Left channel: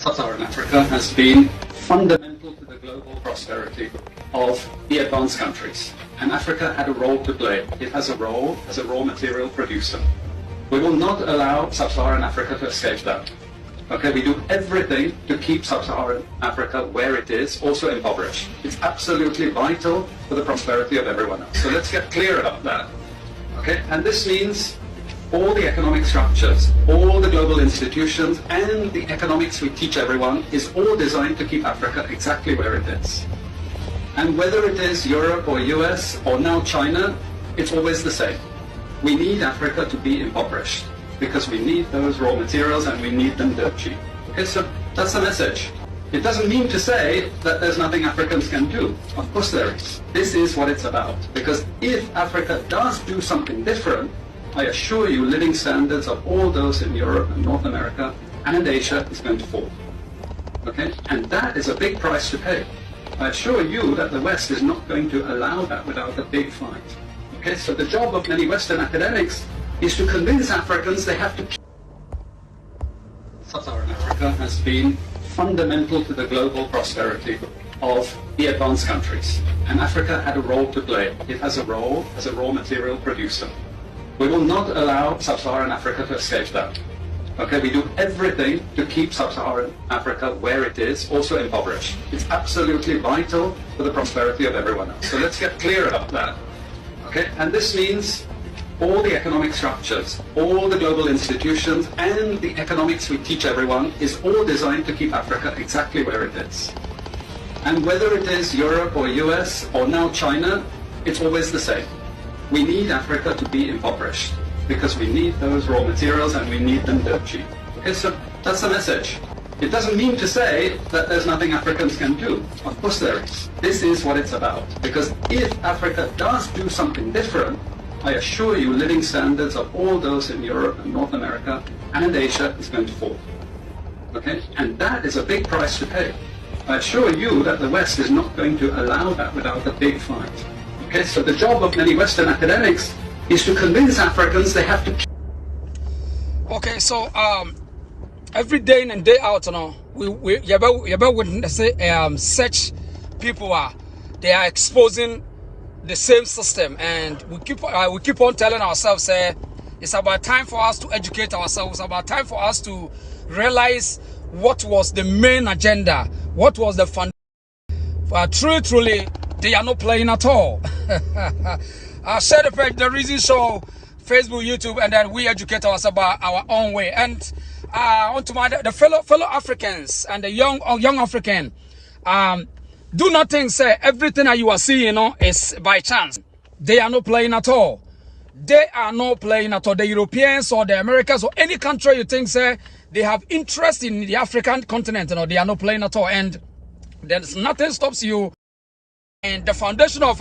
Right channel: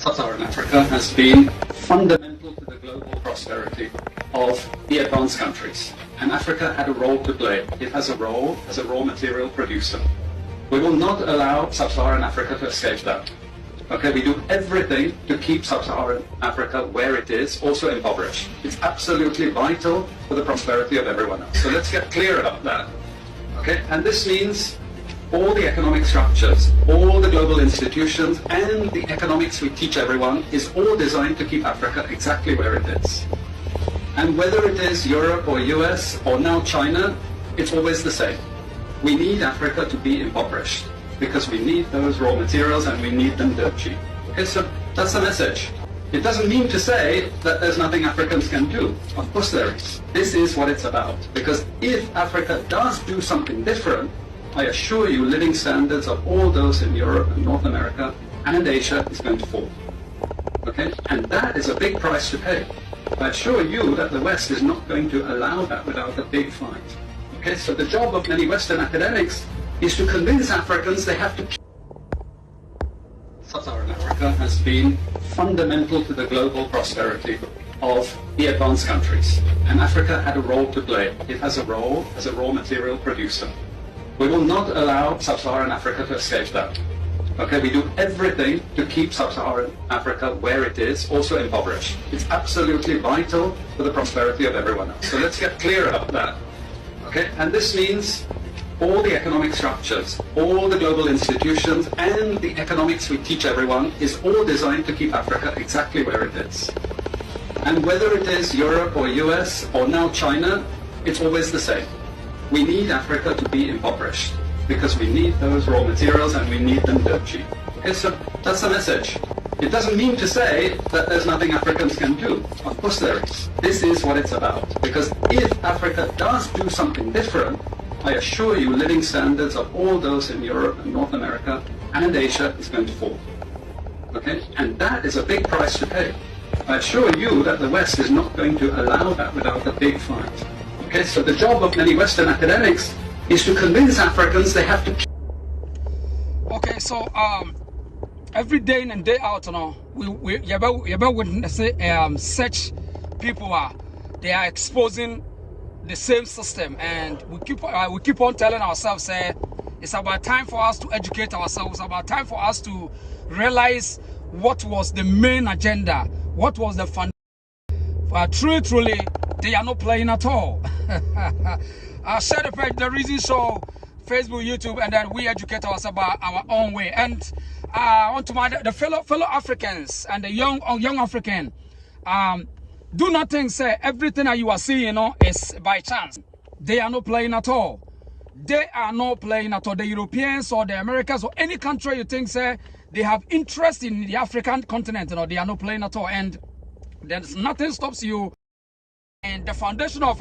Sub-Saharan Africa has been fundamental to the global prosperity of the advanced countries. And Africa had a role to play. It has a role as a raw material producer. We will not allow Sub-Saharan Africa to escape that. Okay, we do everything to keep Sub-Saharan Africa where it is, also impoverished. It's absolutely vital for the prosperity of everyone else. So let's get clear about that. Okay, and this means all the economic structures, all the global institutions, and the economics we teach everyone is all designed to keep Africa exactly where it is. And whether it is Europe or US or now China, it's always the same. We need Africa to be impoverished because we need those raw materials and we need them dirt cheap. Okay, so that's the message. It doesn't mean to say that there's nothing Africans can do. Of course there is. This is what it's about. Because if Africa does do something different, I assure you living standards of all those in Europe and North America and Asia is going to fall. Okay? And that is a big price to pay. I assure you that the West is not going to allow that without a big fight. Okay? So the job of many Western academics is to convince Africans they have to keep. Sub-Saharan Africa has been fundamental to the global prosperity of the advanced countries. And Africa had a role to play. It has a role as a raw material producer. We will not allow Sub-Saharan Africa to escape that. Okay, we do everything to keep Sub-Saharan Africa where it is, also impoverished. It's absolutely vital for the prosperity of everyone else. So let's get clear about that. Okay, and this means all the economic structures, all the global institutions, and the economics we teach everyone is all designed to keep Africa exactly where it is. And whether it is Europe or US or now China, it's always the same. We need Africa to be impoverished because we need those raw materials and we need them dirt cheap. Okay, so that's the message. It doesn't mean to say that there's nothing Africans can do. Of course there is. This is what it's about. Because if Africa does do something different, I assure you living standards of all those in Europe and North America and Asia is going to fall. Okay? And that is a big price to pay. I assure you that the West is not going to allow that without a big fight. Okay, so the job of many Western academics is to convince Africans they have to. Okay, so every day in and day out, you know, you're about witnessing such people they are exposing the same system, and we keep on telling ourselves, it's about time for us to educate ourselves. It's about time for us to realize what was the main agenda, what was the fund. Truly, they are not playing at all. I'll share the page, the reason show, Facebook, YouTube, and then we educate ourselves about our own way. And onto the fellow Africans and the young African, do not think say everything that you are seeing, you know, is by chance. They are not playing at all. They are not playing at all. The Europeans or the Americans or any country you think say they have interest in the African continent, you know, they are not playing at all. And there's nothing stops you. And the foundation of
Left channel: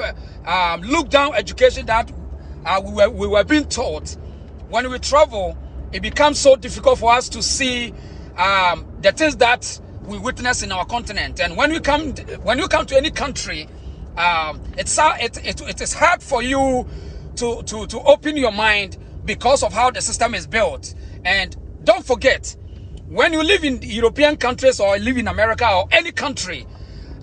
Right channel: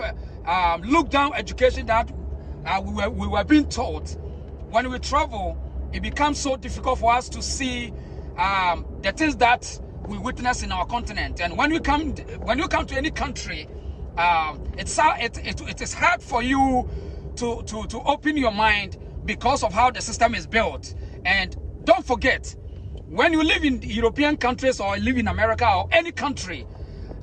look-down education that we were being taught, when we travel, it becomes so difficult for us to see the things that we witness in our continent. And when you come to any country, it is hard for you to open your mind because of how the system is built. And don't forget, when you live in European countries or live in America or any country,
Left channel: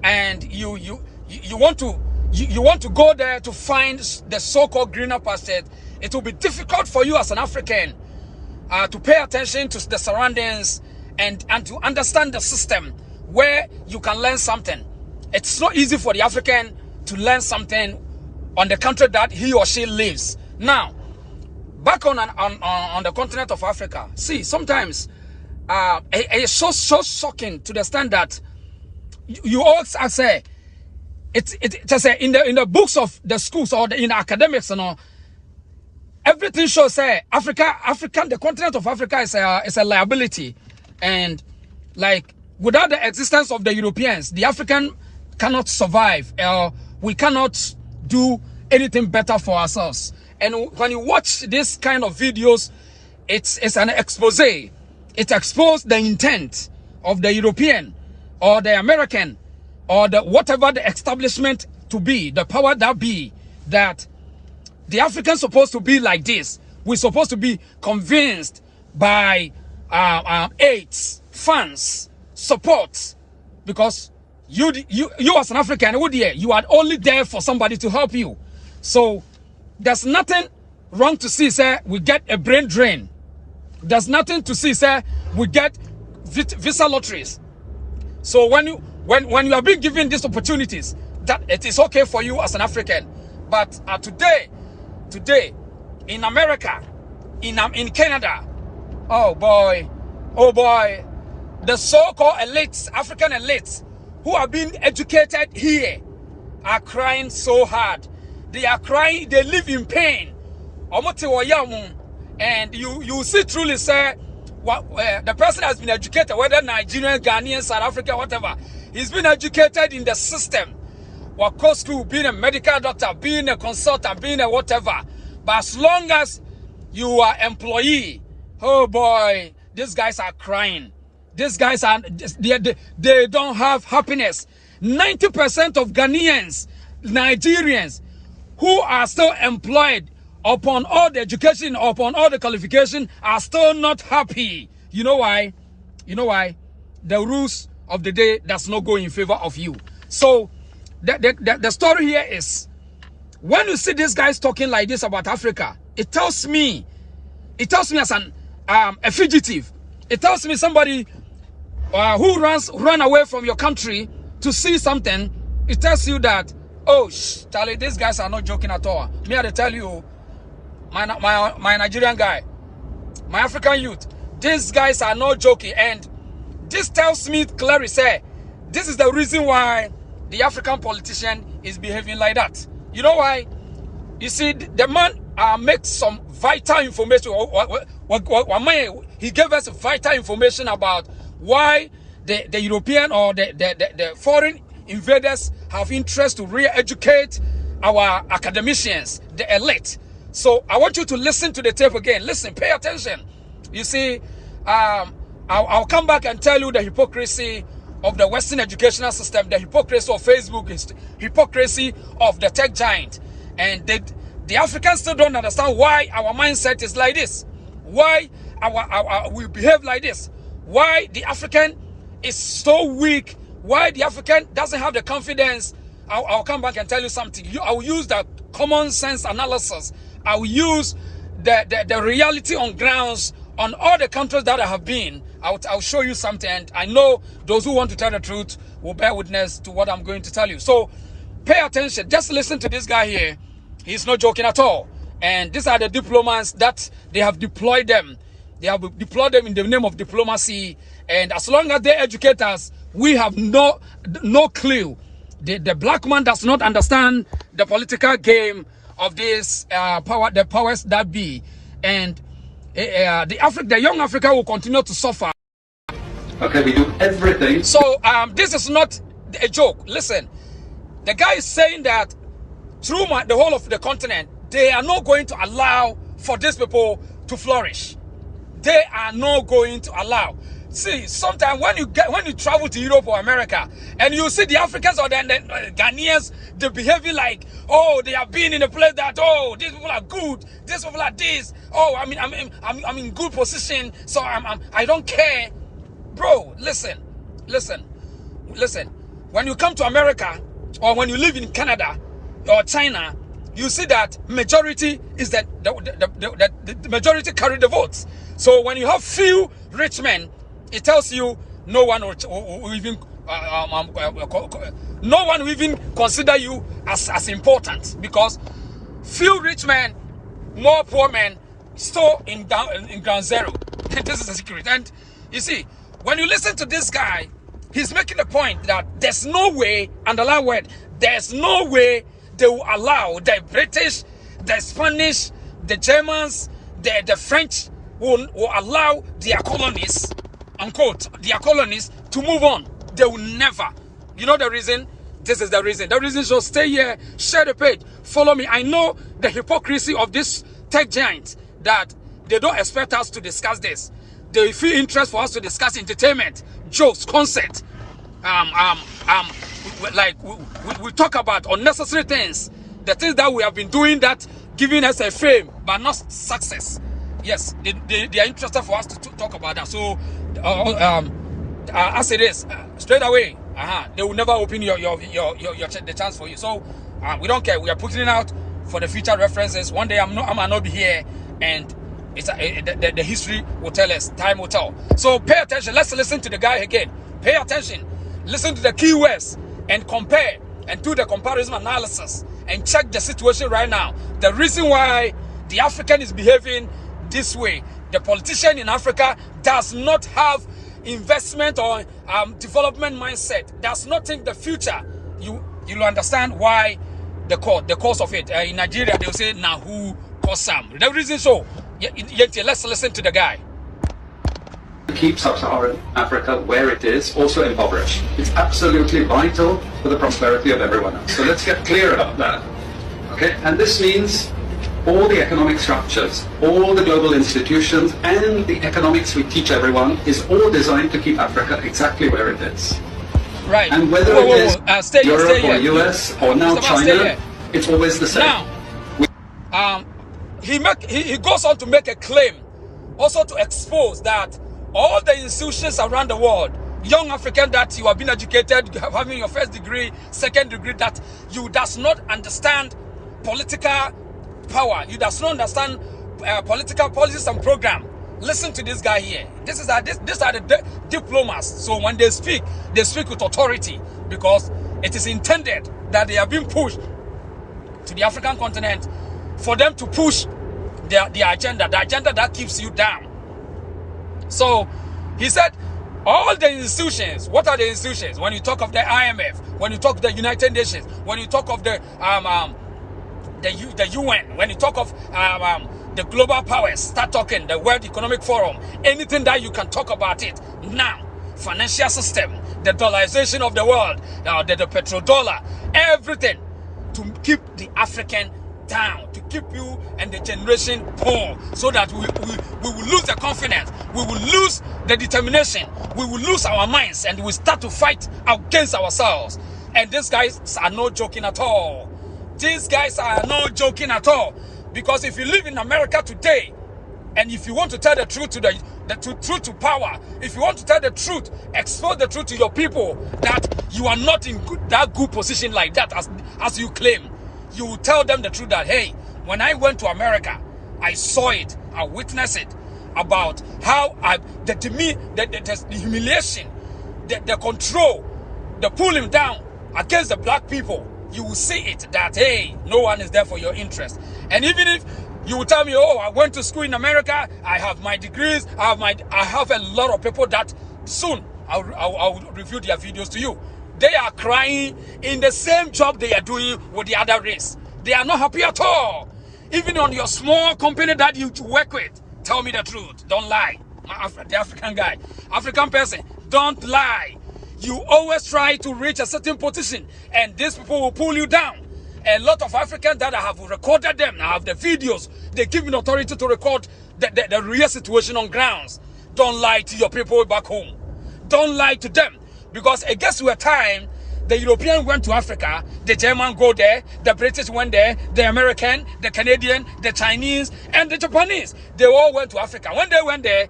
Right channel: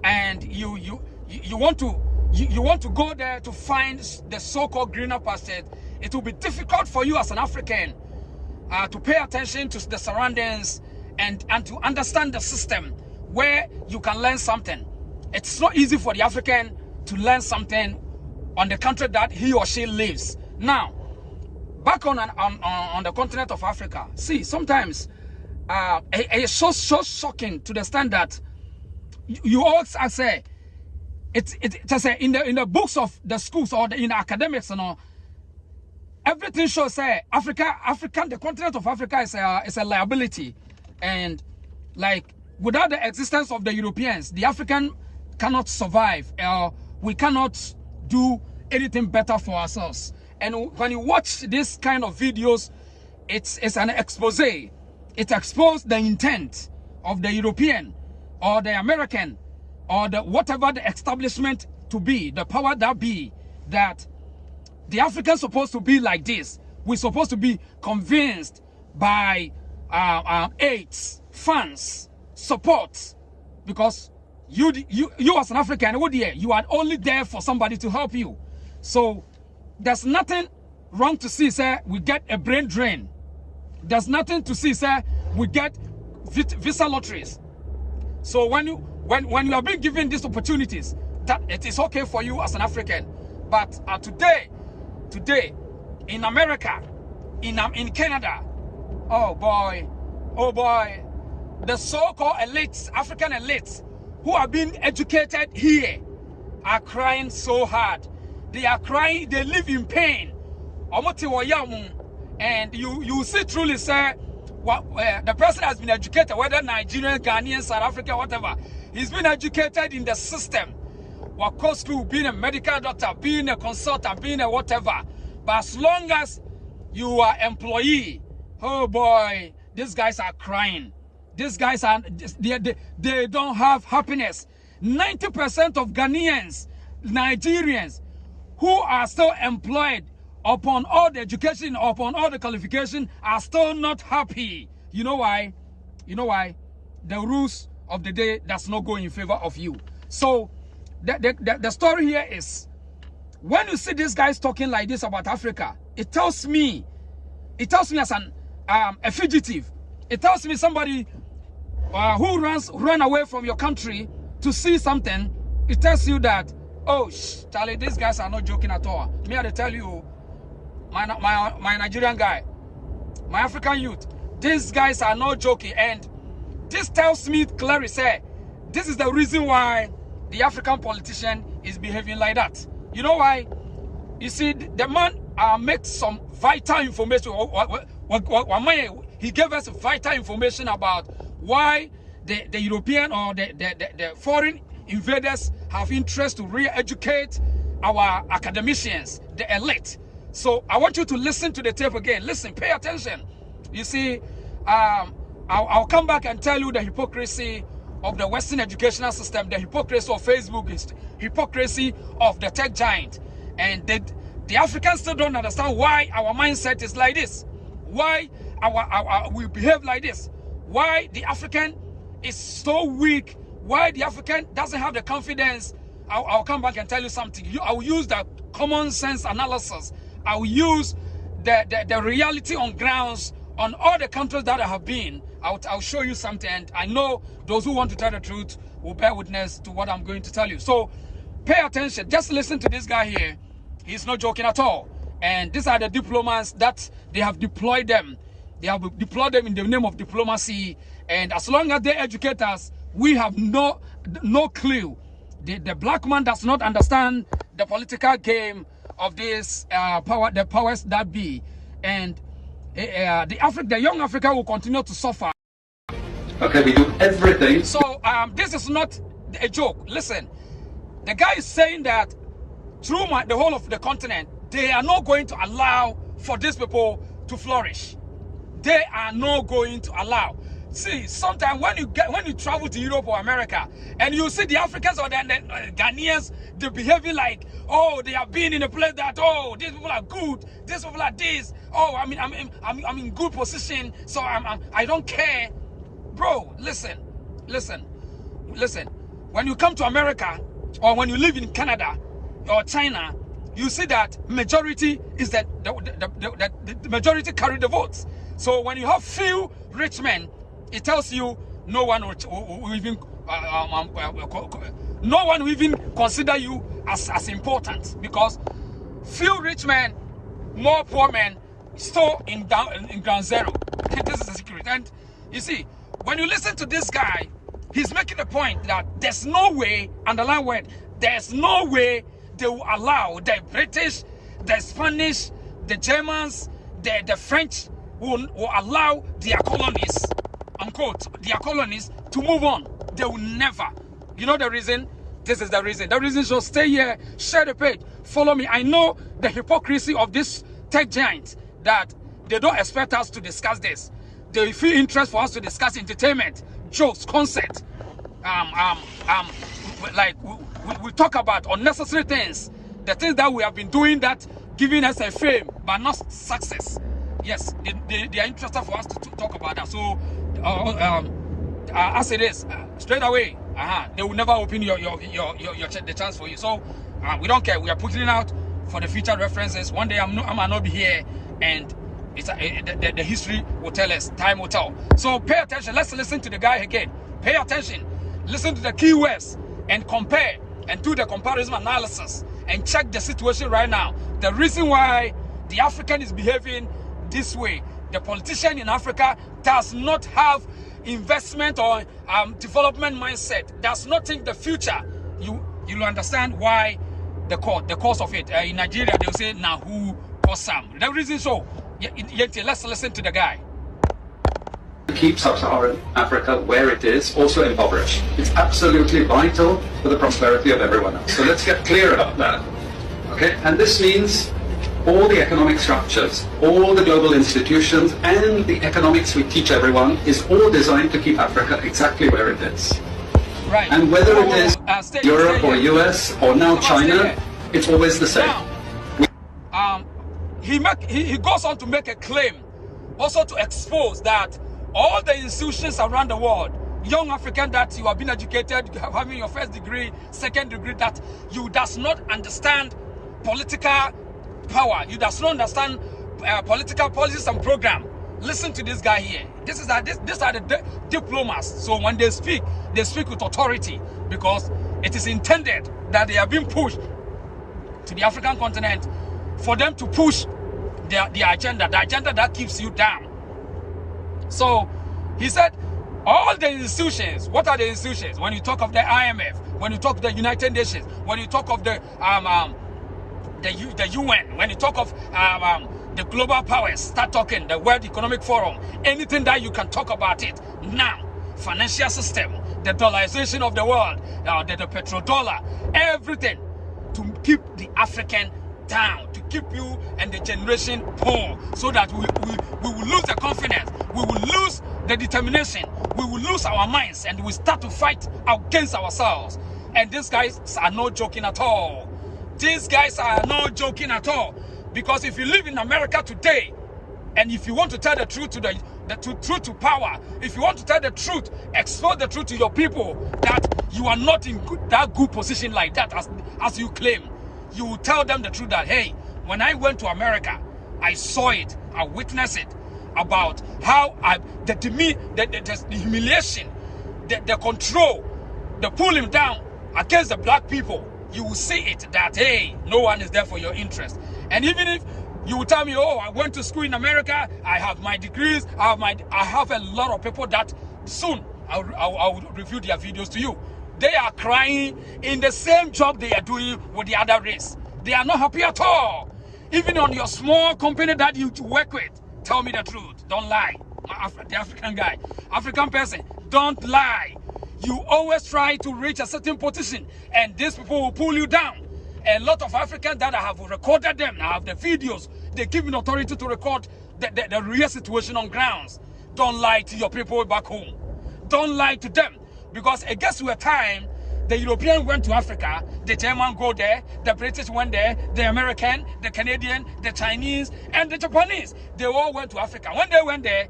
and you want to go there to find the so-called greener pastures, it will be difficult for you as an African to pay attention to the surroundings and to understand the system where you can learn something. It's not easy for the African to learn something on the country that he or she lives. Now, back on the continent of Africa, see, sometimes it's so shocking to the extent that you all say, in the books of the schools or in academics, you know, everything shows say the continent of Africa is a liability, and like without the existence of the Europeans, the African cannot survive. We cannot do anything better for ourselves. And when you watch this kind of videos, it's an expose. It exposes the intent of the European or the American or the whatever the establishment to be, the power that be, that the Africans supposed to be like this. We're supposed to be convinced by aids, funds, support, because you as an African, you are only there for somebody to help you. So there's nothing wrong to see, sir, we get a brain drain. There's nothing to see, sir, we get visa lotteries. So when you are being given these opportunities, that it is okay for you as an African. But today, in America, in Canada, oh boy, the so-called elites, African elites, who are being educated here, are crying so hard. They are crying, they live in pain. And you see truly, say, the person has been educated, whether Nigerian, Ghanaian, South Africa, whatever. He's been educated in the system. Go school, being a medical doctor, being a consultant, being a whatever. But as long as you are employee, oh boy, these guys are crying. These guys are, they don't have happiness. 90% of Ghanaians, Nigerians, who are still employed upon all the education, upon all the qualification, are still not happy. You know why? You know why? The rules of the day does not go in favor of you. So the story here is, when you see these guys talking like this about Africa, it tells me as a fugitive. It tells me somebody who run away from your country to see something. It tells you that, oh, Charlie, these guys are not joking at all. Me, I tell you, my Nigerian guy, my African youth, these guys are not joking. And this tells me clearly, say, this is the reason why the African politician is behaving like that. You know why? You see, the man makes some vital information. He gave us vital information about why the European or the foreign invaders have interest to re-educate our academicians, the elite. So I want you to listen to the tape again. Listen, pay attention. You see, I'll come back and tell you the hypocrisy of the Western educational system, the hypocrisy of Facebook, is hypocrisy of the tech giant. And the Africans still don't understand why our mindset is like this, why we behave like this, why the African is so weak, why the African doesn't have the confidence. I'll come back and tell you something. I will use the common sense analysis. I will use the reality on grounds on all the countries that I have been. I'll show you something, and I know those who want to tell the truth will bear witness to what I'm going to tell you. So pay attention. Just listen to this guy here. He's not joking at all. And these are the diplomats that they have deployed them. They have deployed them in the name of diplomacy. And as long as they educate us, we have no clue. The black man does not understand the political game of this the powers that be. And the young Africa will continue to suffer. Okay, we do everything. So this is not a joke. Listen, the guy is saying that through the whole of the continent, they are not going to allow for these people to flourish. They are not going to allow. See, sometimes when you travel to Europe or America and you see the Africans or the Ghanaians, they behaving like, oh, they have been in a place that, oh, these people are good, these people are this, oh, I'm in good position, so I don't care. Bro, listen. When you come to America or when you live in Canada or China, you see that majority is the majority carry the votes. So when you have few rich men, it tells you no one will even consider you as important, because few rich men, more poor men, still in ground zero. This is the secret. And you see, when you listen to this guy, he's making the point that there's no way, underline word, there's no way they will allow the British, the Spanish, the Germans, the French will allow their colonies, unquote, their colonies to move on. They will never. You know the reason? This is the reason. The reason, so stay here, share the page, follow me. I know the hypocrisy of this tech giant, that they don't expect us to discuss this. They feel interest for us to discuss entertainment, jokes, concert. Like we talk about unnecessary things, the things that we have been doing that giving us a fame but not success. Yes, they are interested for us to talk about that. So as it is, straight away, they will never open the chance for you. So we don't care. We are putting it out for the future references. One day I might not be here, and the history will tell us. Time will tell. So pay attention. Let's listen to the guy again. Pay attention. Listen to the keywords and compare and do the comparison analysis and check the situation right now. The reason why the African is behaving this way, the politician in Africa does not have investment or development mindset, does not think the future. You'll understand why the cause of it. In Nigeria, they'll say, now who or some. The reason so, let's listen to the guy. Keep sub-Saharan Africa where it is, also impoverished. It's absolutely vital for the prosperity of everyone else. So let's get clear about that. Okay, and this means all the economic structures, all the global institutions, and the economics we teach everyone is all designed to keep Africa exactly where it is. Right. And whether it is Europe or US or now China, it's always the same. Now, he goes on to make a claim, also to expose that all the institutions around the world, young African that you have been educated, you have having your first degree, second degree, that you does not understand political power, you does not understand political policies and program. Listen to this guy here. These are the diplomats. So when they speak with authority, because it is intended that they have been pushed to the African continent for them to push the agenda that keeps you down. So he said, all the institutions, what are the institutions? When you talk of the IMF, when you talk of the United Nations, when you talk of the UN, when you talk of the global powers, start talking, the World Economic Forum, anything that you can talk about it now, financial system, the dollarization of the world, the petrodollar, everything to keep the African down, to keep you and the generation poor, so that we will lose the confidence, we will lose the determination, we will lose our minds, and we start to fight against ourselves. And these guys are not joking at all. These guys are not joking at all. Because if you live in America today, and if you want to tell the truth to truth to power, if you want to tell the truth, expose the truth to your people, that you are not in that good position like that as you claim, you will tell them the truth that, hey, when I went to America, I saw it, I witnessed it, about how the humiliation, the control, the pulling down against the black people. You will see it that, hey, no one is there for your interest. And even if you will tell me, oh, I went to school in America, I have my degrees, I have a lot of people that soon I'll review their videos to you. They are crying in the same job they are doing with the other race. They are not happy at all. Even on your small company that you work with, tell me the truth. Don't lie. The African guy, African person, don't lie. You always try to reach a certain position, and these people will pull you down. A lot of Africans that I have recorded them, I have the videos, they give me authority to record the real situation on grounds. Don't lie to your people back home. Don't lie to them. Because it gets to a time, the European went to Africa, the German go there, the British went there, the American, the Canadian, the Chinese, and the Japanese. They all went to Africa. When they went there,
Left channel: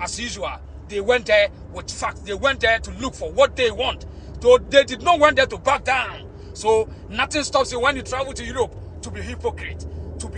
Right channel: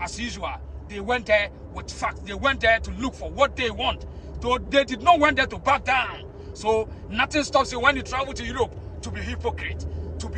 as usual, they went there with facts. They went there to look for what they want. So they did not want there to back down. So nothing stops you when you travel to Europe to be hypocrite, to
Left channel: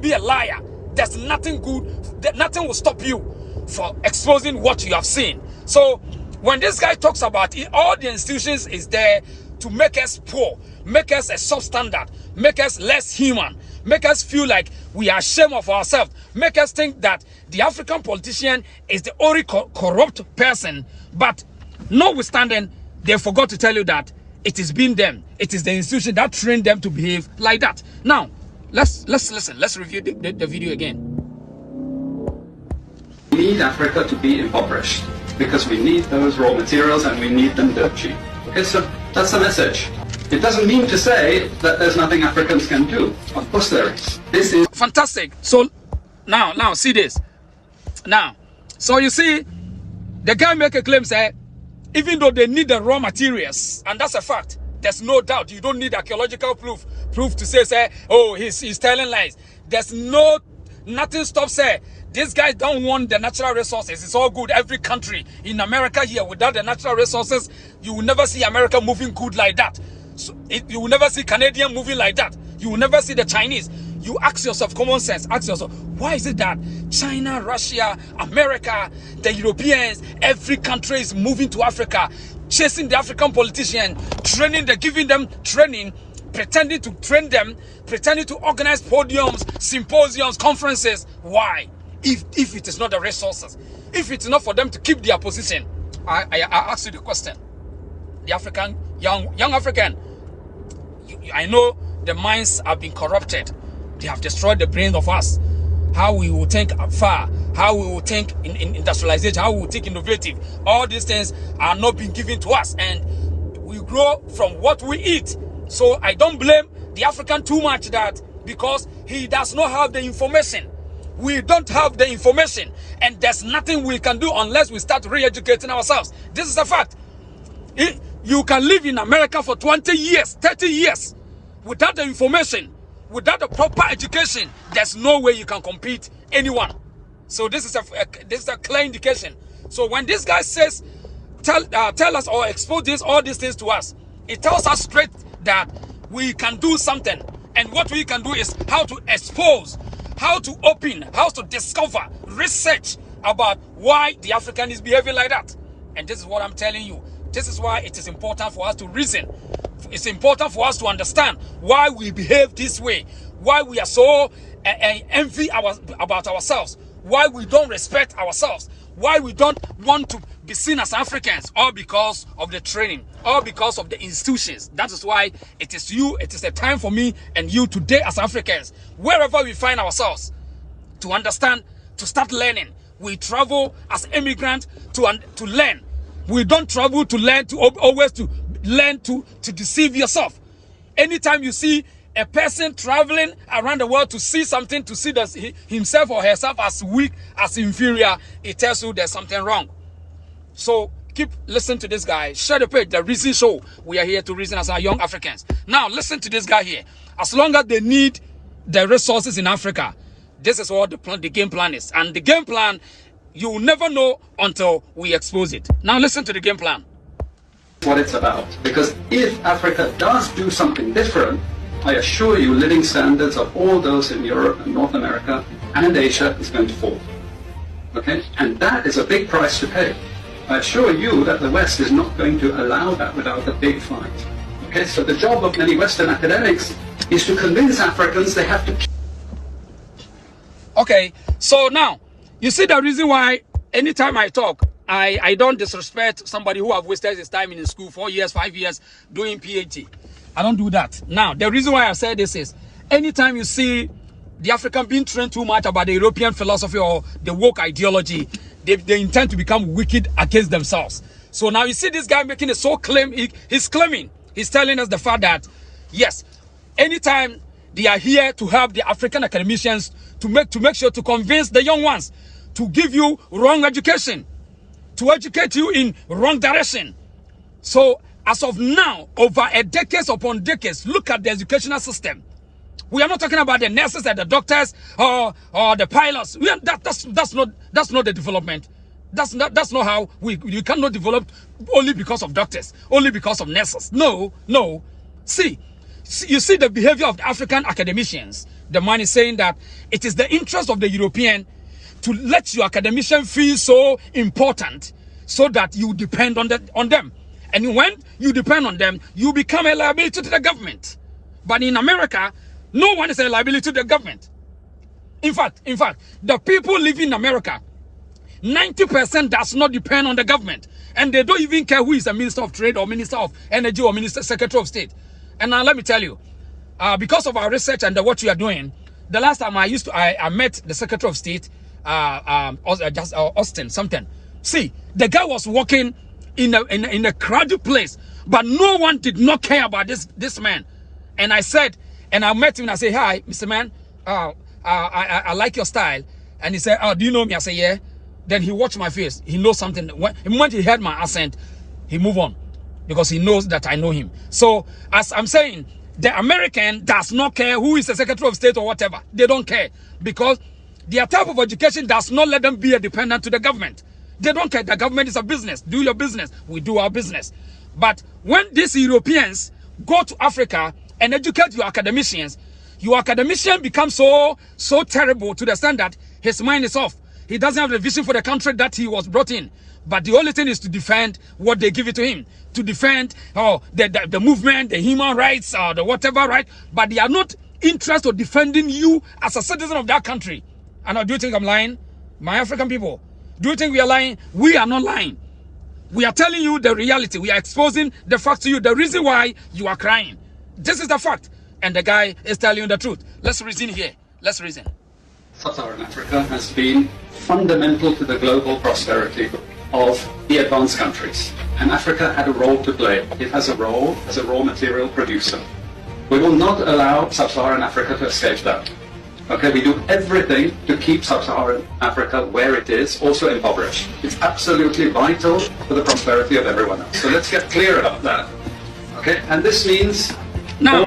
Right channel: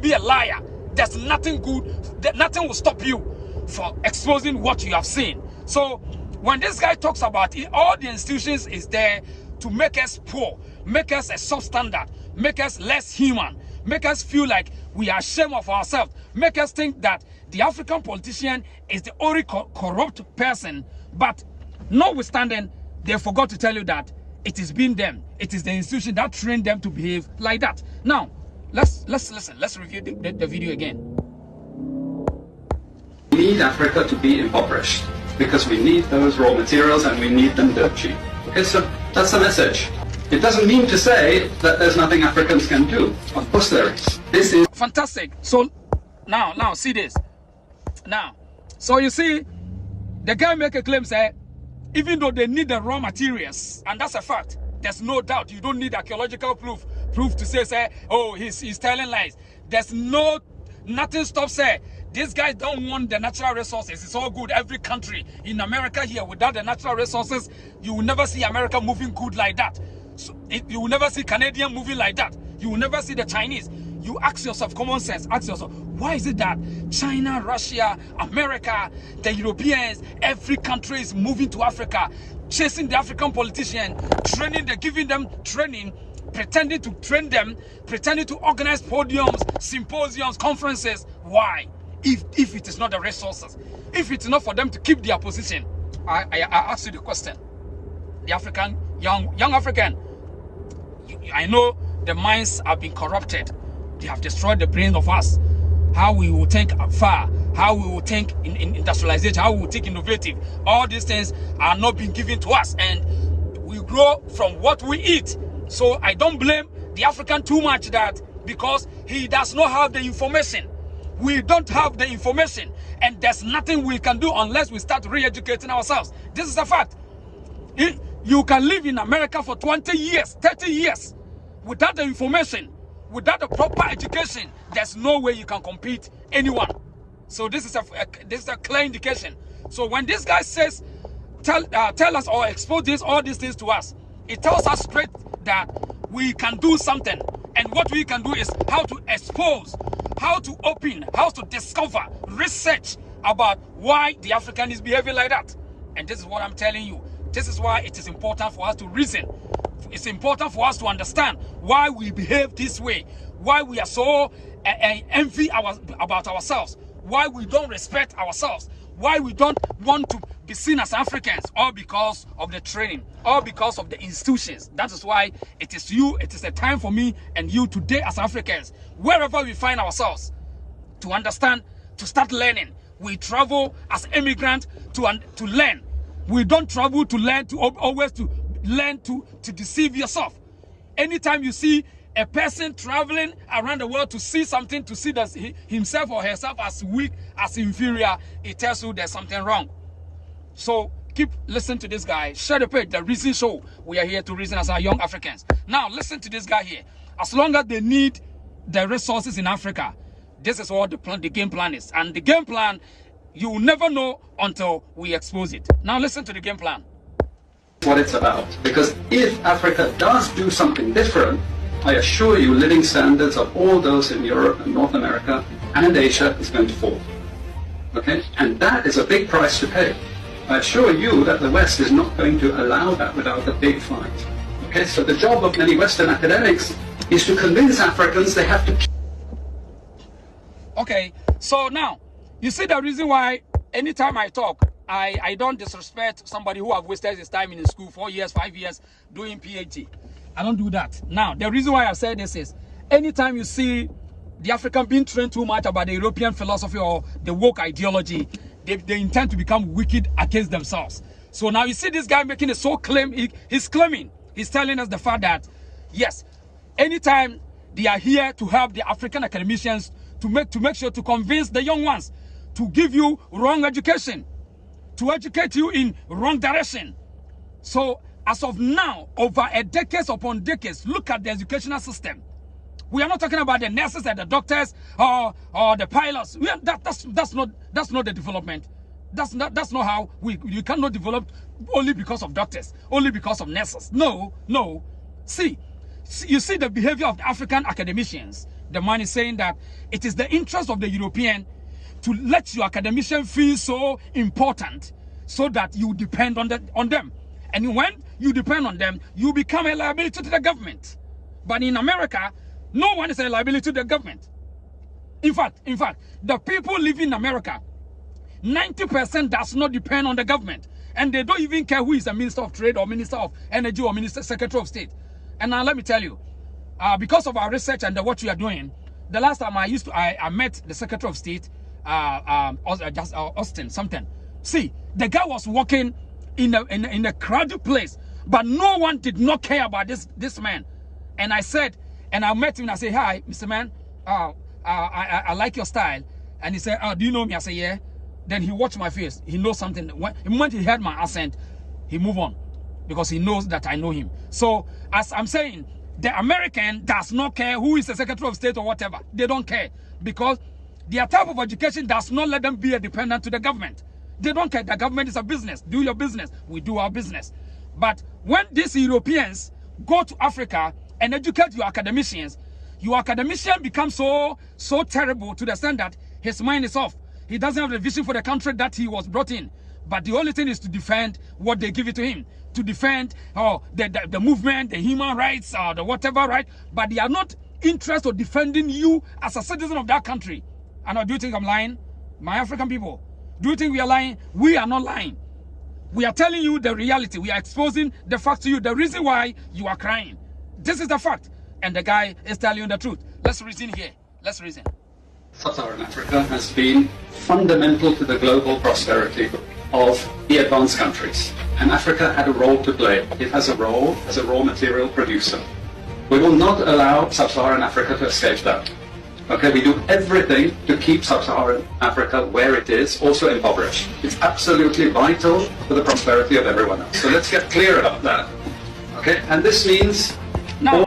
be a liar. There's nothing good. Nothing will stop you for exposing what you have seen. So when this guy talks about it, all the institutions is there to make us poor, make us a substandard, make us less human, make us feel like we are ashamed of ourselves, make us think that the African politician is the only corrupt person. But notwithstanding, they forgot to tell you that it has been them. It is the institution that trained them to behave like that. Now, let's listen. Let's review the video again. We need Africa to be impoverished because we need those raw materials and we need them dirt cheap. Okay, so that's the message. It doesn't mean to say that there's nothing Africans can do. Of course there is. This is fantastic. So now see this. Now, so you see, the guy make a claim, say, even though they need the raw materials, and that's a fact, there's no doubt. You don't need archaeological proof to say, oh, he's telling lies. There's nothing stops, say, These guys don't want the natural resources. It's all good. Every country in America here, without the natural resources, you will never see America moving good like that. So you will never see Canadian moving like that. You will never see the Chinese. You ask yourself, common sense, ask yourself, why is it that China, Russia, America, the Europeans, every country is moving to Africa, chasing the African politician, training them, giving them training, pretending to train them, pretending to organize podiums, symposiums, conferences? Why? If it is not the resources, if it's not for them to keep their position, I ask you the question. The African, young African, I know the minds have been corrupted. They have destroyed the brains of us. How we will think far, how we will think in industrialization, how we will think innovative. All these things are not being given to us, and we grow from what we eat. So I don't blame the African too much, that because he does not have the information. We don't have the information, and there's nothing we can do unless we start re-educating ourselves. This is a fact. You can live in America for 20 years, 30 years without the information, without the proper education. There's no way you can compete anyone. So this is a clear indication. So when this guy says, tell us or expose all these things to us, it tells us straight that we can do something. And what we can do is how to expose, how to open, how to discover, research about why the African is behaving like that. And this is what I'm telling you. This is why it is important for us to reason. It's important for us to understand why we behave this way, why we are so envy about ourselves, why we don't respect ourselves, why we don't want to be seen as Africans, all because of the training, all because of the institutions. That is why it is a time for me and you today as Africans, wherever we find ourselves, to understand, to start learning. We travel as immigrants to learn. We don't travel to learn, to always to learn to deceive yourself. Anytime you see a person traveling around the world to see something, to see that himself or herself as weak, as inferior, it tells you there's something wrong. So keep listening to this guy. Share the page, the Reason Show. We are here to reason as our young Africans. Now listen to this guy here. As long as they need the resources in Africa, this is what the game plan is. And the game plan, you will never know until we expose it. Now listen to the game plan. What it's about. Because if Africa does do something different, I assure you living standards of all those in Europe and North America and Asia is going to fall. Okay? And that is a big price to pay. I assure you that the West is not going to allow that without a big fight. Okay? So the job of many Western academics is to convince Africans they have to... Okay, so now, you see the reason why anytime I talk, I don't disrespect somebody who have wasted his time in school 4 years, 5 years doing PhD. I don't do that. Now, the reason why I say this is, anytime you see the African being trained too much about the European philosophy or the woke ideology, they intend to become wicked against themselves. So now you see this guy making a so claim, he's claiming, he's telling us the fact that, yes, anytime they are here to help the African academicians to make sure to convince the young ones to give you wrong education, to educate you in wrong direction. So as of now, over a decades upon decades, look at the educational system. We are not talking about the nurses and the doctors or the pilots. That's not the development. That's not how you cannot develop only because of doctors, only because of nurses. No. See, you see the behavior of the African academicians. The man is saying that it is the interest of the European to let your academician feel so important so that you depend on them. And when you depend on them, you become a liability to the government. But in America, no one is a liability to the government. In fact, the people living in America, 90% does not depend on the government. And they don't even care who is the Minister of Trade or Minister of Energy or Secretary of State. And now let me tell you, because of our research and what we are doing, the last time I met the Secretary of State, Austin something. See, the guy was walking in a crowded place, but no one did not care about this man. And I said, and I met him and I said, "Hi, Mr. Man, I like your style." And he said, "Oh, do you know me?" I said, "Yeah." Then he watched my face. He knows something. When he heard my accent, he moved on because he knows that I know him. So as I'm saying, the American does not care who is the Secretary of State or whatever. They don't care because Their type of education does not let them be a dependent to the government. They don't care. The government is a business. Do your business. We do our business. But when these Europeans go to Africa and educate your academicians become so terrible to the extent that his mind is off. He doesn't have the vision for the country that he was brought in. But the only thing is to defend what they give it to him. To defend the movement, the human rights, the whatever, right? But they are not interested in defending you as a citizen of that country. And do you think I'm lying? My African people, do you think we are lying? We are not lying. We are telling you the reality. We are exposing the facts to you. The reason why you are crying. This is the fact. And the guy is telling you the truth. Let's reason here. Let's reason. Sub-Saharan Africa has been fundamental to the global prosperity of the advanced countries. And Africa had a role to play. It has a role as a raw material producer. We will not allow Sub-Saharan Africa to escape that. Okay, we do everything to keep Sub-Saharan Africa where it is, also impoverished. It's absolutely vital for the prosperity of everyone else. So let's get clear about that. Okay, and this means... Now,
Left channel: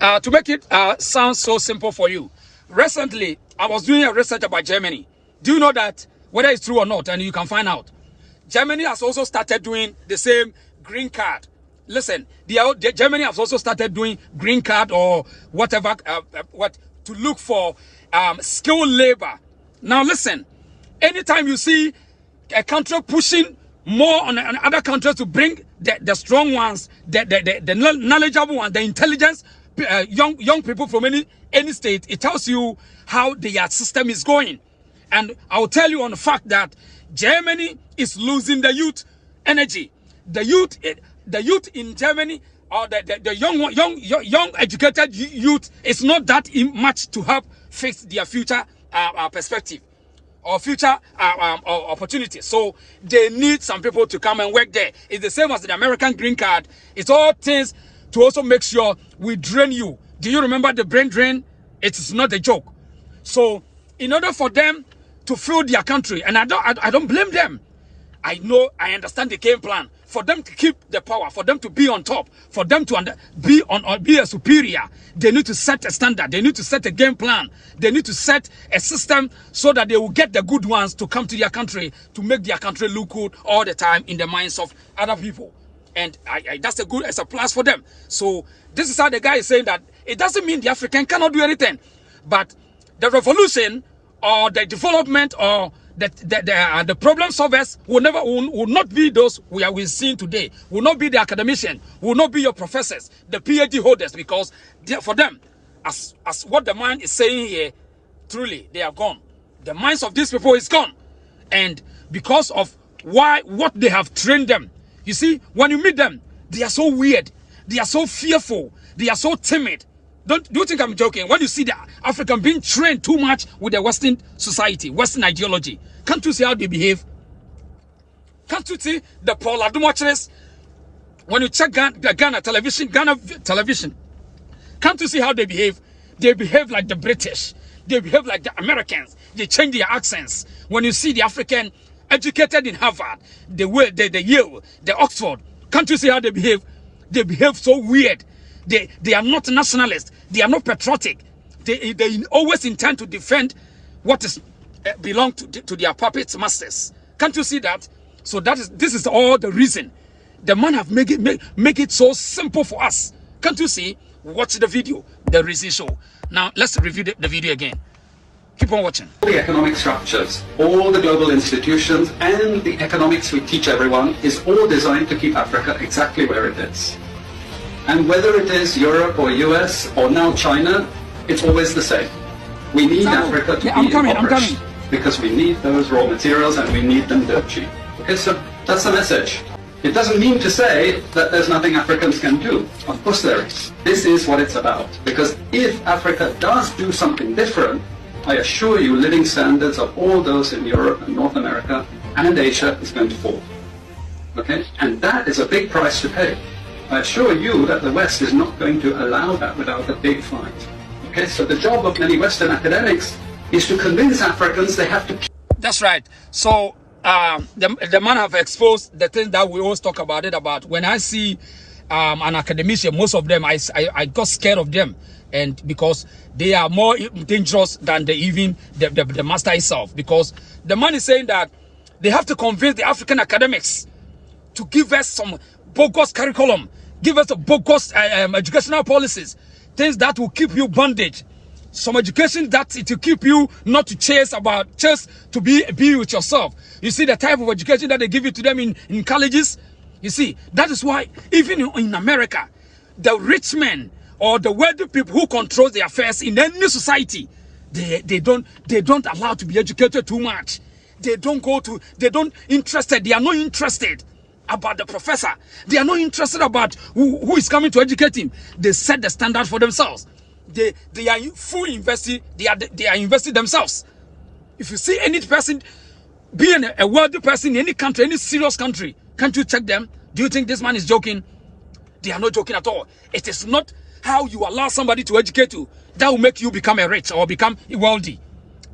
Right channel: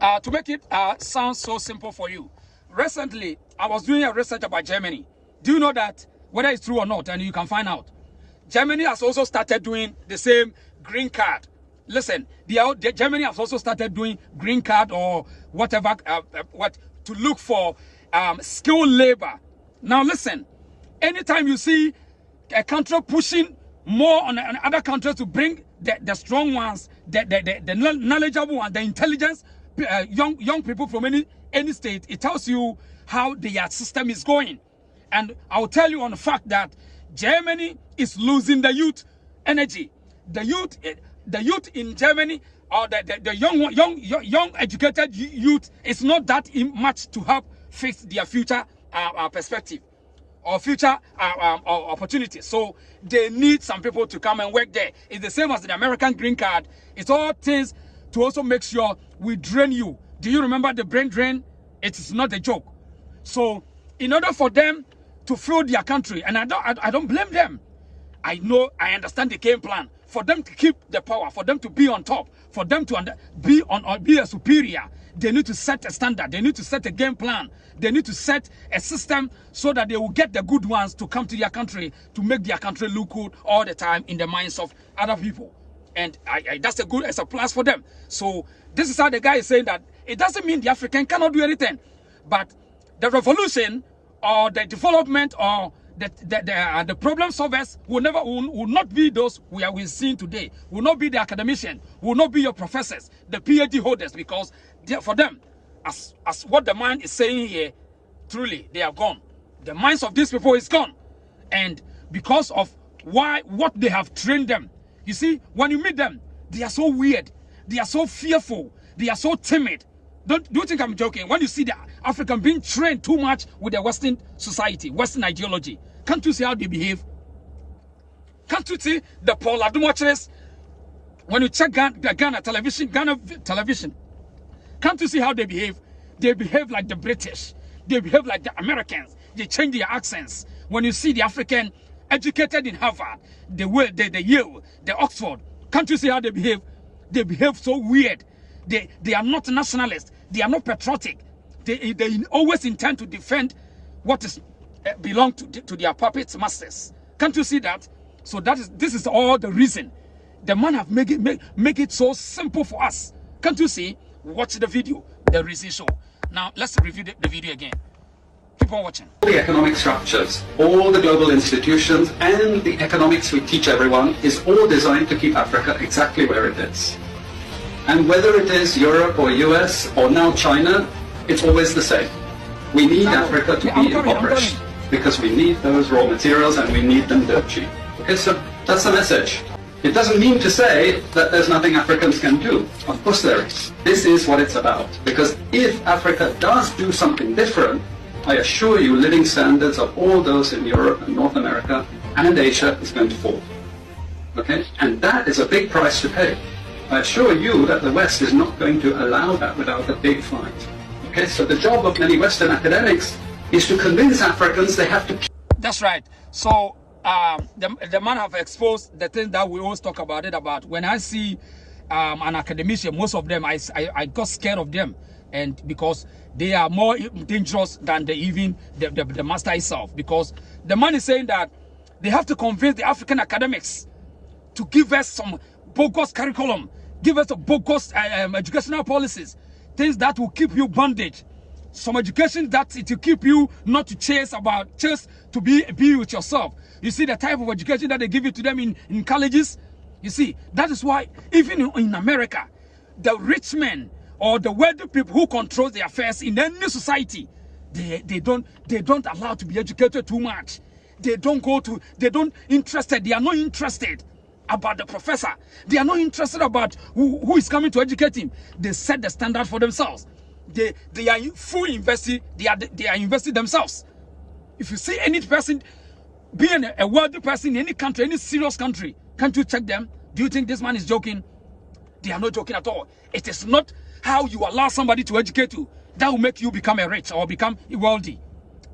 to make it sound so simple for you, recently, I was doing a research about Germany. Do you know that, whether it's true or not, and you can find out, Germany has also started doing the same green card. Listen, Germany has also started doing green card or whatever, to look for skilled labor. Now listen, anytime you see a country pushing more on other countries to bring the strong ones, the knowledgeable ones, the intelligence, young people from any state, it tells you how their system is going. And I'll tell you on the fact that Germany is losing the youth energy. The youth in Germany, or the young educated youth, is not that much to help fix their future perspective or future opportunities. So they need some people to come and work there. It's the same as the American green card. It's all things to also make sure we drain you. Do you remember the brain drain? It is not a joke. So in order for them to fill their country, and I don't blame them. I understand the game plan. For them to keep the power, for them to be on top, for them to be a superior, they need to set a standard. They need to set a game plan. They need to set a system so that they will get the good ones to come to their country, to make their country look good all the time in the minds of other people. And that's it's a plus for them. So this is how the guy is saying that it doesn't mean the African cannot do anything, but the revolution or the development or the problem solvers will not be those we are seeing today. Will not be the academicians. Will not be your professors, the PhD holders, because for them, as what the mind is saying here, truly they are gone. The minds of these people is gone, and because of what they have trained them. You see, when you meet them, they are so weird. They are so fearful. They are so timid. Do you think I'm joking? When you see the African being trained too much with the Western society, Western ideology, can't you see how they behave? Can't you see the Paul Adumocheres? When you check Ghana television, can't you see how they behave? They behave like the British. They behave like the Americans. They change their accents. When you see the African educated in Harvard, the Yale, the Oxford, can't you see how they behave? They behave so weird. They are not nationalists. They are not patriotic. They always intend to defend what is belong to their puppet masters. Can't you see that? So this is all the reason. The man have make it so simple for us. Can't you see? Watch the video, the reason show. Now let's review the video again. Keep on watching. All the economic structures, all the global institutions, and the economics we teach everyone is all designed to keep Africa exactly where it is. And whether it is Europe or US or now China, it's always the same. We need Africa to be impoverished because we need those raw materials and we need them dirt cheap. Okay, so that's the message. It doesn't mean to say that there's nothing Africans can do. Of course there is. This is what it's about. Because if Africa does do something different, I assure you living standards of all those in Europe and North America and Asia is going to fall. Okay? And that is a big price to pay. I assure you that the West is not going to allow that without a big fight. Okay, so the job of many Western academics is to convince Africans they have to... That's right. So the man have exposed the thing that we always talk about when I see an academician, most of them, I got scared of them. and because they are more dangerous than the master itself, because the man is saying that they have to convince the African academics to give us some bogus curriculum, give us a bogus educational policies, things that will keep you bondage, some education that it will keep you not to chase to be with yourself. You see the type of education that they give it to them in colleges. You see, that is why even in America, the rich men or the wealthy people who control the affairs in any society, they don't allow to be educated too much. They are not interested about the professor. They are not interested about who is coming to educate him. They set the standard for themselves. They are fully invested. They are invested themselves. If you see any person being a wealthy person in any country, any serious country, can't you check them? Do you think this man is joking? They are not joking at all. It is not how you allow somebody to educate you that will make you become a rich or become wealthy.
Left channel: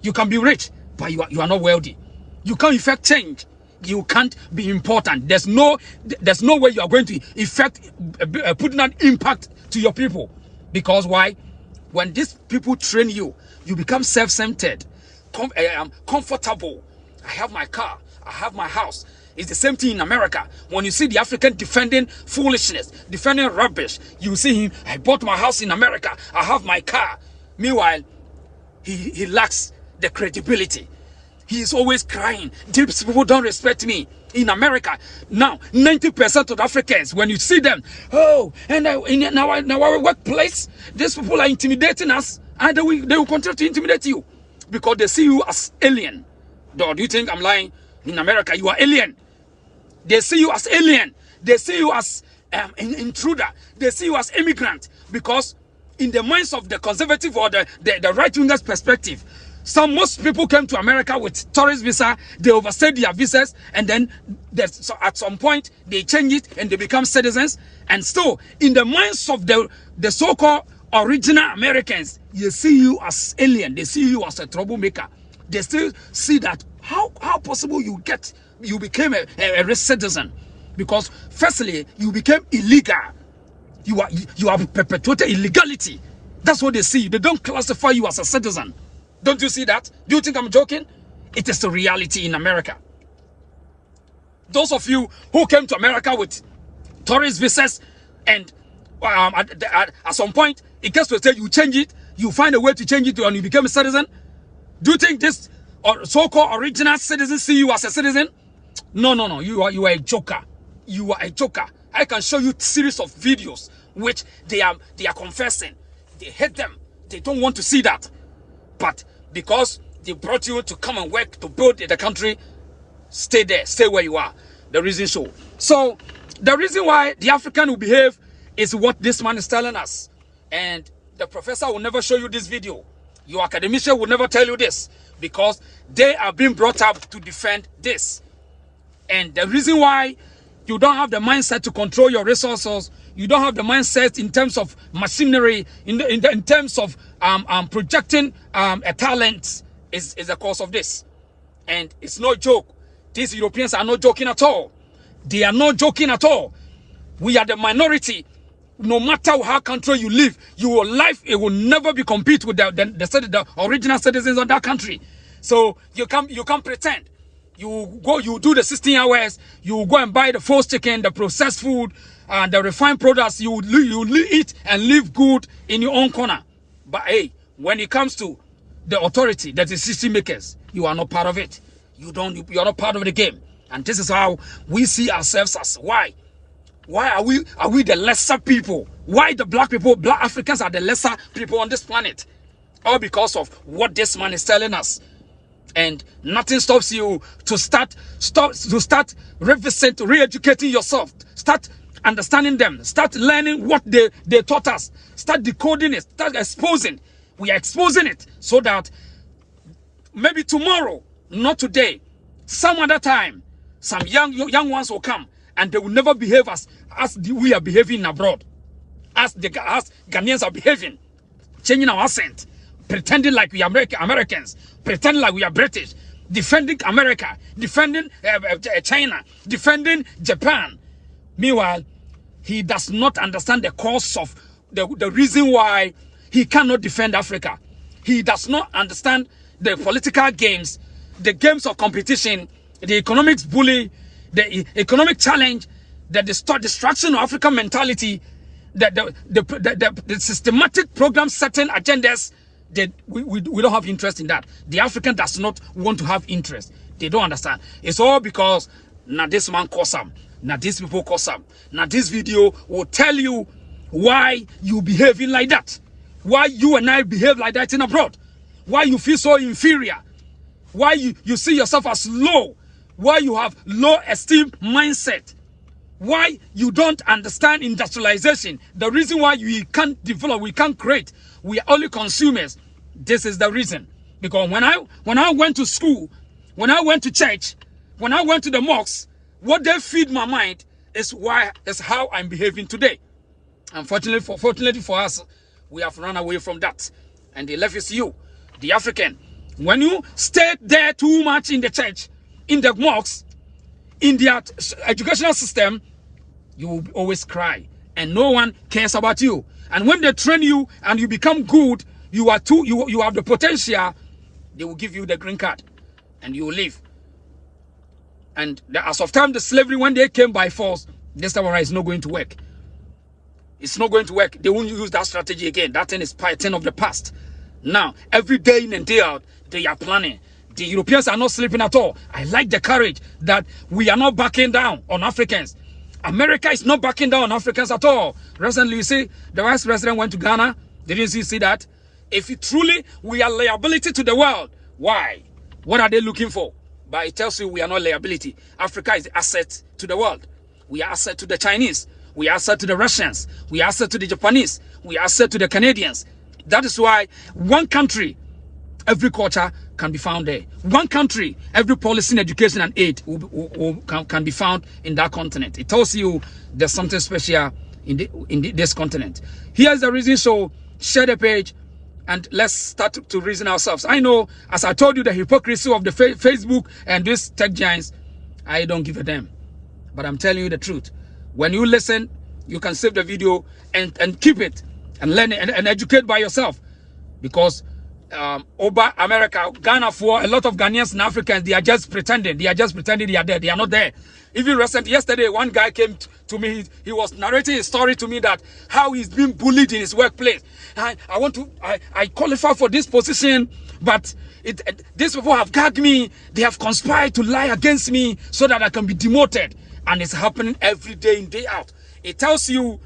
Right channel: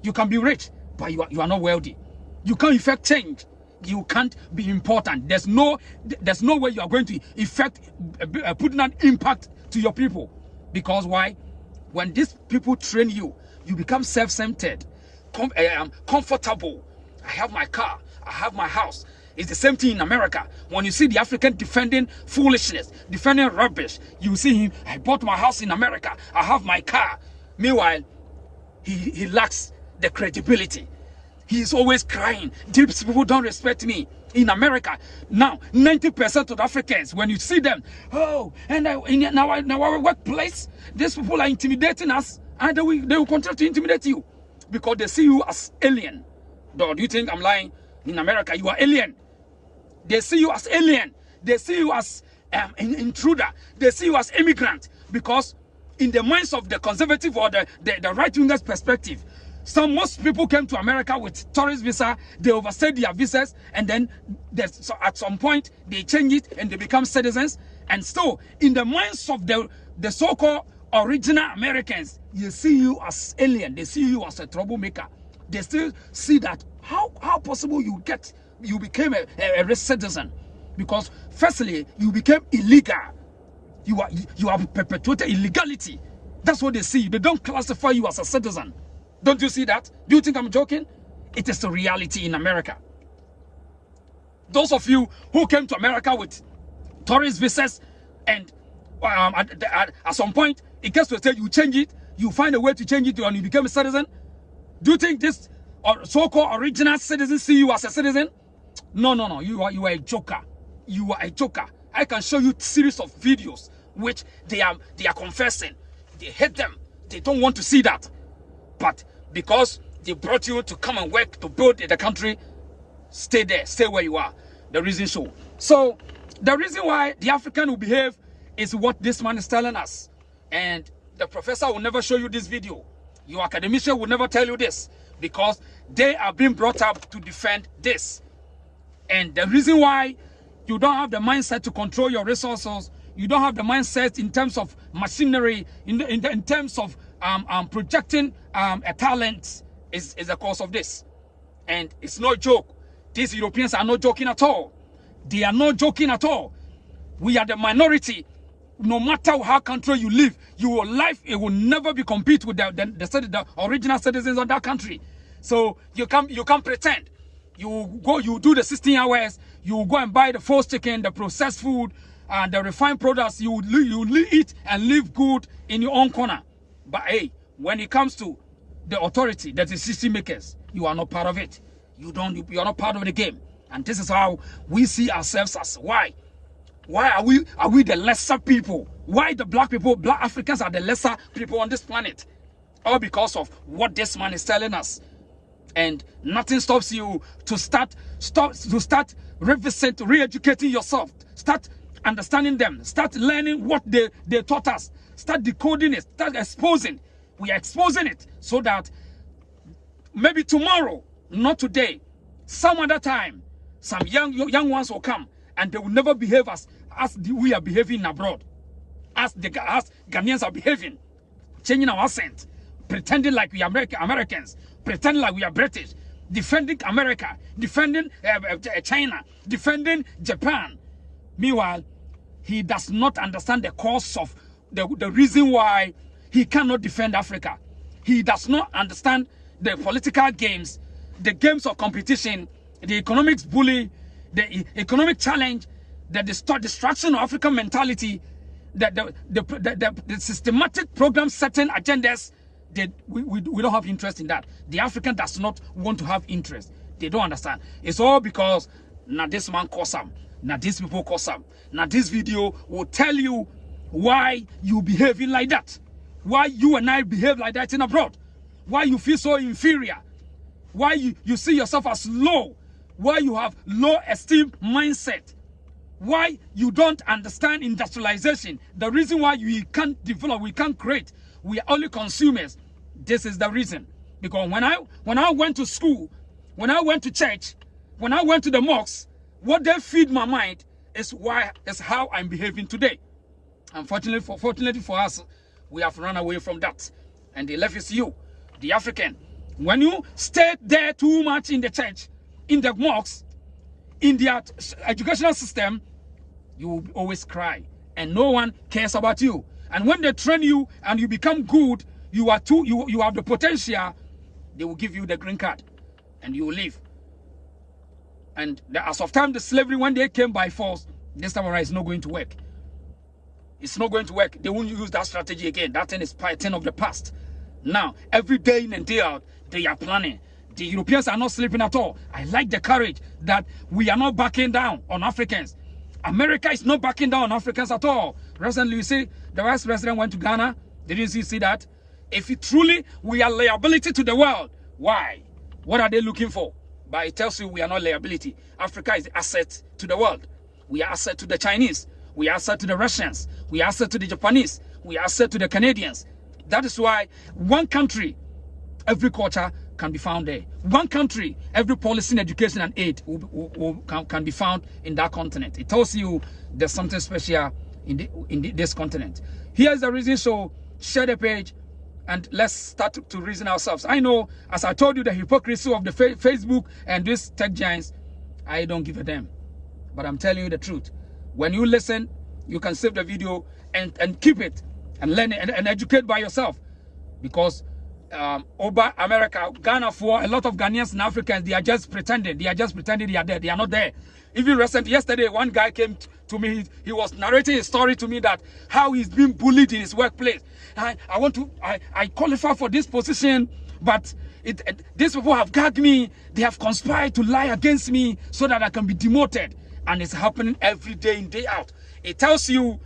You can be rich, but you are not wealthy. You can't effect change. You can't be important. There's no way you are going to effect putting an impact to your people. Because why? When these people train you, you become self-centered, comfortable. I have my car. I have my house. It's the same thing in America. When you see the African defending foolishness, defending rubbish, you see him, I bought my house in America. I have my car. Meanwhile, he lacks the credibility. He is always crying. These people don't respect me. In America, now 90% of Africans, when you see them, in our workplace, these people are intimidating us, and they will continue to intimidate you because they see you as alien. Do you think I'm lying? In America, you are alien. They see you as alien. They see you as intruder. They see you as immigrant, because in the minds of the conservative or the right-wingers perspective, most people came to America with tourist visa. They overstayed their visas, and then at some point they change it and they become citizens. And still, in the minds of the so-called original Americans, they see you as alien. They see you as a troublemaker. They still see that how possible you became a citizen, because firstly you became illegal. You have perpetuated illegality. That's what they see. They don't classify you as a citizen. Don't you see that? Do you think I'm joking? It is the reality in America. Those of you who came to America with tourist visas, and at some point it gets to a stage you change it, you find a way to change it and you become a citizen. Do you think this so-called original citizens see you as a citizen? No. You are a joker. You are a joker. I can show you a series of videos which they are confessing. They hate them. They don't want to see that. But because they brought you to come and work to build the country, stay there, stay where you are. The reason so. So the reason why the African will behave is what this man is telling us. And the professor will never show you this video. Your academician will never tell you this, because they are being brought up to defend this. And the reason why you don't have the mindset to control your resources, you don't have the mindset in terms of machinery, in terms of projecting a talent, is the cause of this. And it's no joke. These Europeans are not joking at all. They are not joking at all. We are the minority. No matter how country you live, your life, it will never be compete with the original citizens of that country. So you can't pretend. You do the 16 hours, you go and buy the false chicken, the processed food, the refined products, you eat and live good in your own corner. But hey, when it comes to the authority, the decision makers, you are not part of it. You are not part of the game. And this is how we see ourselves as why are we the lesser people? Why the black Africans are the lesser people on this planet? All because of what this man is telling us. And nothing stops you to start re-educating yourself. Start understanding them. Start learning what they taught us. Start decoding it. Start exposing. We are exposing it so that maybe tomorrow, not today, some other time, some young ones will come and they will never behave as we are behaving abroad. As Ghanaians are behaving, changing our accent, pretending like we are Americans, pretending like we are British, defending America, defending China, defending Japan. Meanwhile, he does not understand the cause of the reason why he cannot defend Africa. He does not understand the political games, the games of competition, the economics bully, the economic challenge, the destruction of African mentality, the systematic program setting agendas. That we don't have interest in that. The African does not want to have interest. They don't understand. It's all because now this man calls some, now these people call some. Now this video will tell you why you behaving like that. Why you and I behave like that in abroad. Why you feel so inferior. Why you see yourself as low. Why you have low esteem mindset. Why you don't understand industrialization. The reason why we can't develop, we can't create. We are only consumers. This is the reason. Because when I went to school, when I went to church, when I went to the mosque, what they feed my mind is how I'm behaving today. Fortunately for us, we have run away from that. And the left is you, the African. When you stay there too much in the church, in the mosque, in their educational system, you will always cry. And no one cares about you. And when they train you and you become good, you have the potential, they will give you the green card. And you will leave. And as of time, the slavery, when they came by force, this time around, it's not going to work. It's not going to work. They won't use that strategy again. That thing is part 10 of the past. Now, every day in and day out, they are planning. The Europeans are not sleeping at all. I like the courage that we are not backing down on Africans. America is not backing down on Africans at all. Recently, you see, the vice president went to Ghana. Didn't you see that? If truly we are liability to the world, why? What are they looking for? But it tells you we are not liability. Africa is asset to the world. We are asset to the Chinese. We are asset to the Russians. We are asset to the Japanese. We are asset to the Canadians. That is why one country, every culture can be found there. One country, every policy in education and aid can be found in that continent. It tells you there's something special in this continent. Here's the reason, so share the page and let's start to reason ourselves. I know, as I told you, the hypocrisy of the Facebook and these tech giants, I don't give a damn. But I'm telling you the truth. When you listen, you can save the video and keep it and learn it and educate by yourself. Because over America, Ghana, for a lot of Ghanaians and Africans, they are just pretending. They are just pretending they are there. They are not there. Even yesterday, one guy came to me. He was narrating a story to me that how he's being bullied in his workplace. I qualify for this position, but these people have gagged me. They have conspired to lie against me so that I can be demoted. And it's happening every day in, day out. It tells you,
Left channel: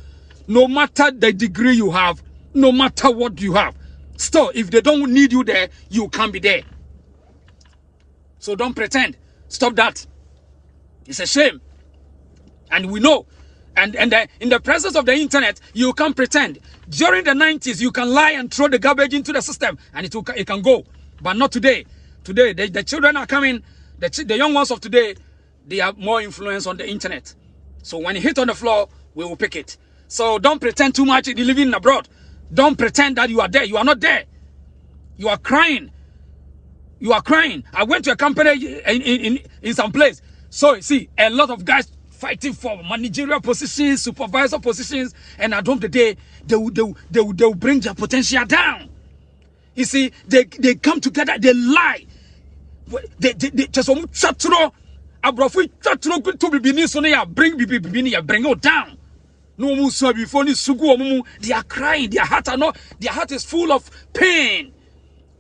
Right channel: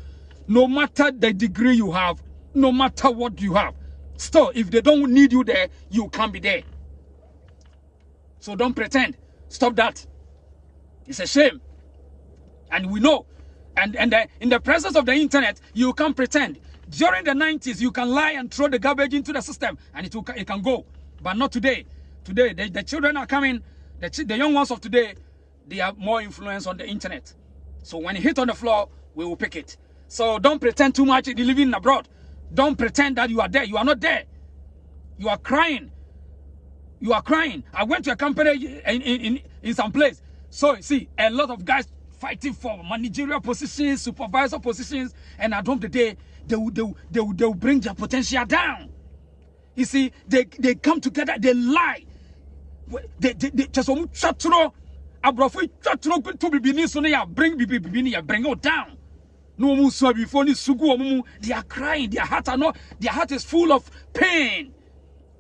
no matter the degree you have, no matter what you have, still, if they don't need you there, you can't be there. So don't pretend. Stop that. It's a shame. And we know. And in the presence of the internet, you can't pretend. During the 90s, you can lie and throw the garbage into the system, and it can go. But not today. Today, the children are coming. The young ones of today, they have more influence on the internet. So when you hit on the floor, we will pick it. So don't pretend too much if you're living abroad. Don't pretend that you are there. You are not there. You are crying. You are crying. I went to a company in some place. So see, a lot of guys fighting for managerial positions, supervisor positions, and at the end of the day, they will bring their potential down. You see, they come together, they lie. They just bring it down. No, they are crying. Their heart is full of pain.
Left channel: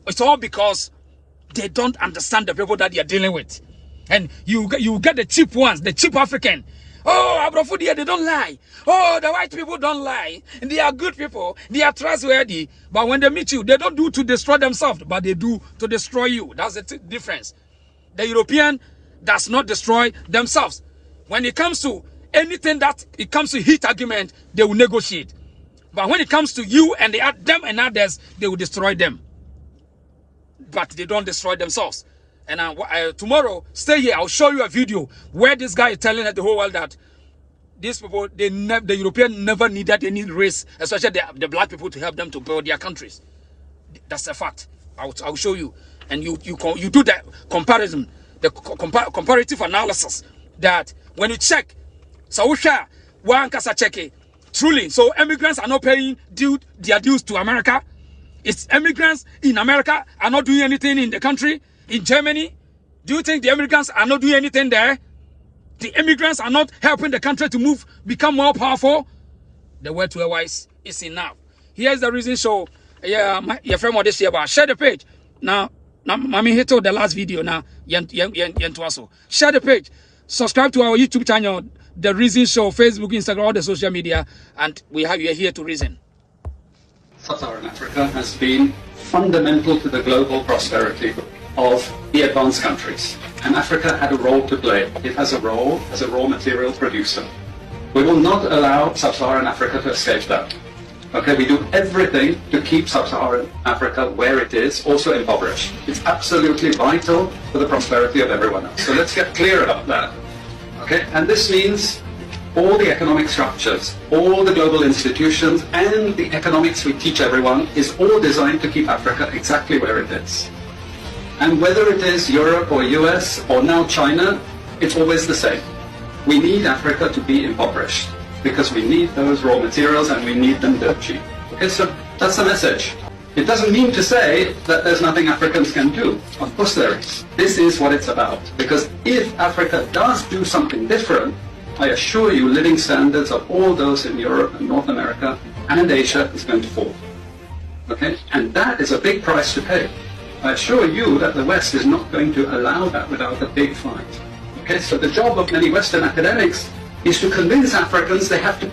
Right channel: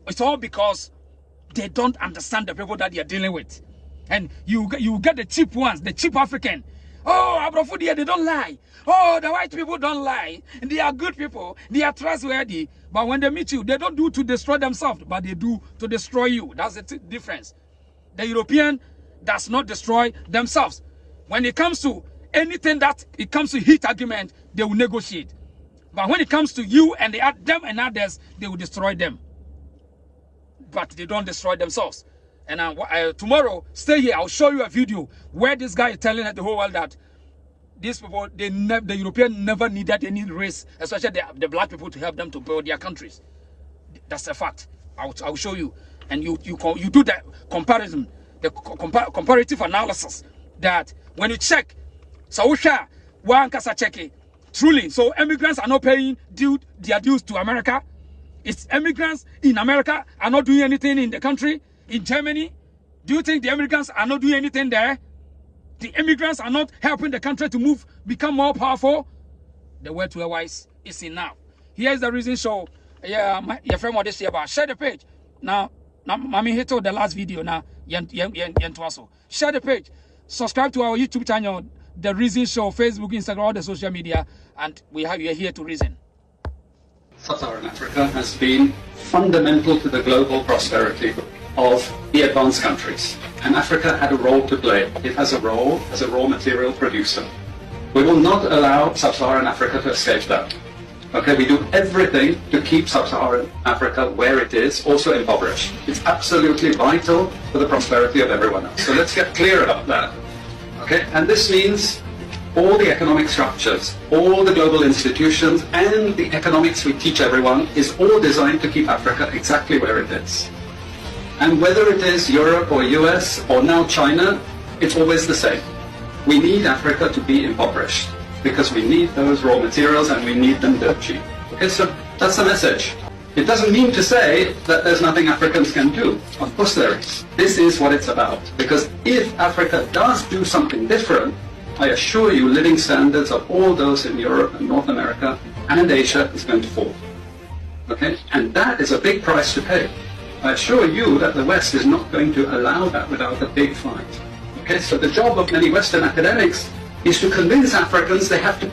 It's all because they don't understand the people that they are dealing with. And you get the cheap ones, the cheap African. Oh, Abrofudia, they don't lie. Oh, the white people don't lie. They are good people. They are trustworthy. But when they meet you, they don't do to destroy themselves, but they do to destroy you. That's the difference. The European does not destroy themselves. When it comes to anything that it comes to heat argument, they will negotiate. But when it comes to you and them and others, they will destroy them. But they don't destroy themselves. And tomorrow, stay here. I'll show you a video where this guy is telling the whole world that these people, the European never needed any race, especially the black people, to help them to build their countries. That's a fact. I'll show you. And you do that comparison, the comparative analysis, that when you check, truly, so immigrants are not paying their dues to America. Its immigrants in America are not doing anything in the country, in Germany. Do you think the immigrants are not doing anything there? The immigrants are not helping the country to move, become more powerful? The word to a wise is enough. Here's the reason. So, yeah, your friend this year about share the page. Now, Mami hit the last video now. Share the page. Subscribe to our YouTube channel, The Reason Show, Facebook, Instagram, all the social media, and we are here to reason. Sub-Saharan Africa has been fundamental to the global prosperity of the advanced countries. And Africa had a role to play. It has a role as a raw material producer. We will not allow Sub-Saharan Africa to escape that. Okay, we do everything to keep Sub-Saharan Africa where it is, also impoverished. It's absolutely vital for the prosperity of everyone else. So let's get clear about that. Okay, and this means all the economic structures, all the global institutions, and the economics we teach everyone is all designed to keep Africa exactly where it is. And whether it is Europe or US or now China, it's always the same. We need Africa to be impoverished because we need those raw materials and we need them dirt cheap. Okay, so that's the message. It doesn't mean to say that there's nothing Africans can do. Of course there is. This is what it's about. Because if Africa does do something different, I assure you living standards of all those in Europe and North America and Asia is going to fall. Okay, and that is a big price to pay. I assure you that the West is not going to allow that without a big fight. Okay, so the job of many Western academics is to convince Africans they have to